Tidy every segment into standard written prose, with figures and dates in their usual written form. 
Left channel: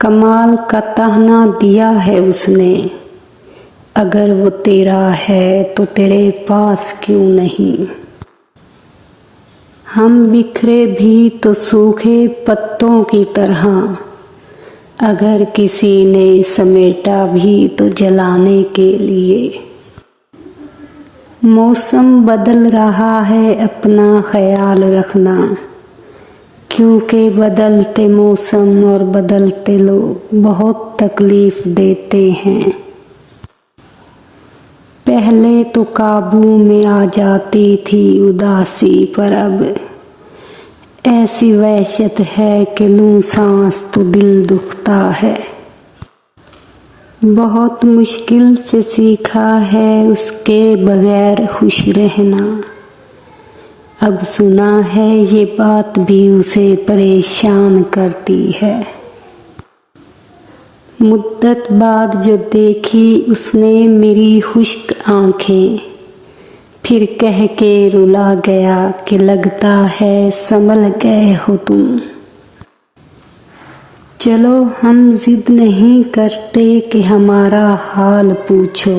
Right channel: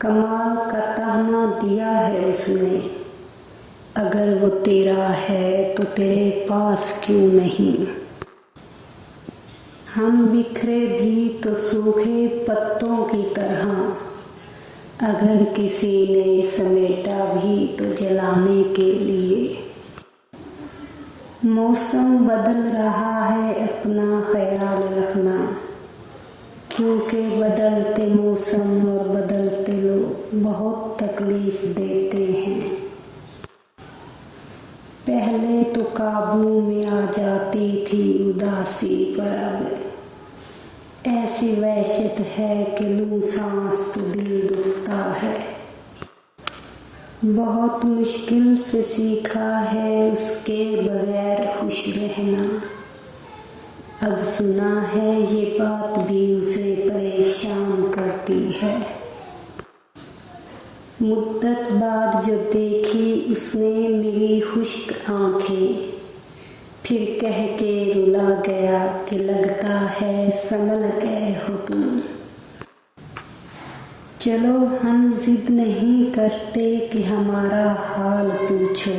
कमाल का ताहना दिया है उसने, अगर वो तेरा है तो तेरे पास क्यों नहीं। हम बिखरे भी तो सूखे पत्तों की तरह, अगर किसी ने समेटा भी तो जलाने के लिए। मौसम बदल रहा है, अपना ख्याल रखना, क्योंकि बदलते मौसम और बदलते लोग बहुत तकलीफ देते हैं। पहले तो काबू में आ जाती थी उदासी, पर अब ऐसी वहशत है कि लूं सांस तो दिल दुखता है। बहुत मुश्किल से सीखा है उसके बगैर खुश रहना, अब सुना है ये बात भी उसे परेशान करती है। मुद्दत बाद जो देखी उसने मेरी खुश्क आंखें, फिर कह के रुला गया कि लगता है संभल गए हो तुम। चलो हम जिद नहीं करते कि हमारा हाल पूछो,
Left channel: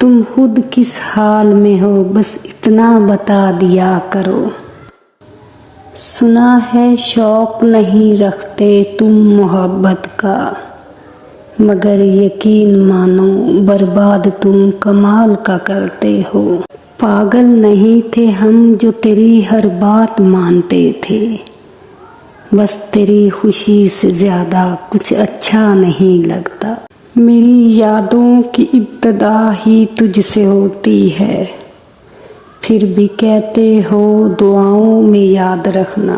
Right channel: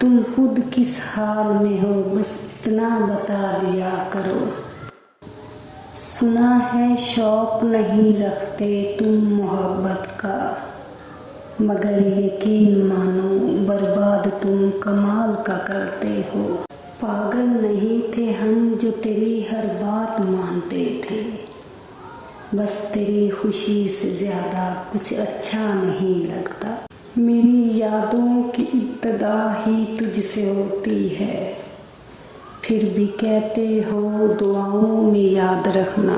तुम खुद किस हाल में हो बस इतना बता दिया करो। सुना है शौक नहीं रखते तुम मोहब्बत का, मगर यकीन मानो बर्बाद तुम कमाल का करते हो। पागल नहीं थे हम जो तेरी हर बात मानते थे, बस तेरी खुशी से ज्यादा कुछ अच्छा नहीं लगता। मेरी यादों की इब्तिदा ही तुझसे होती है, फिर भी कहते हो दुआओं में याद रखना।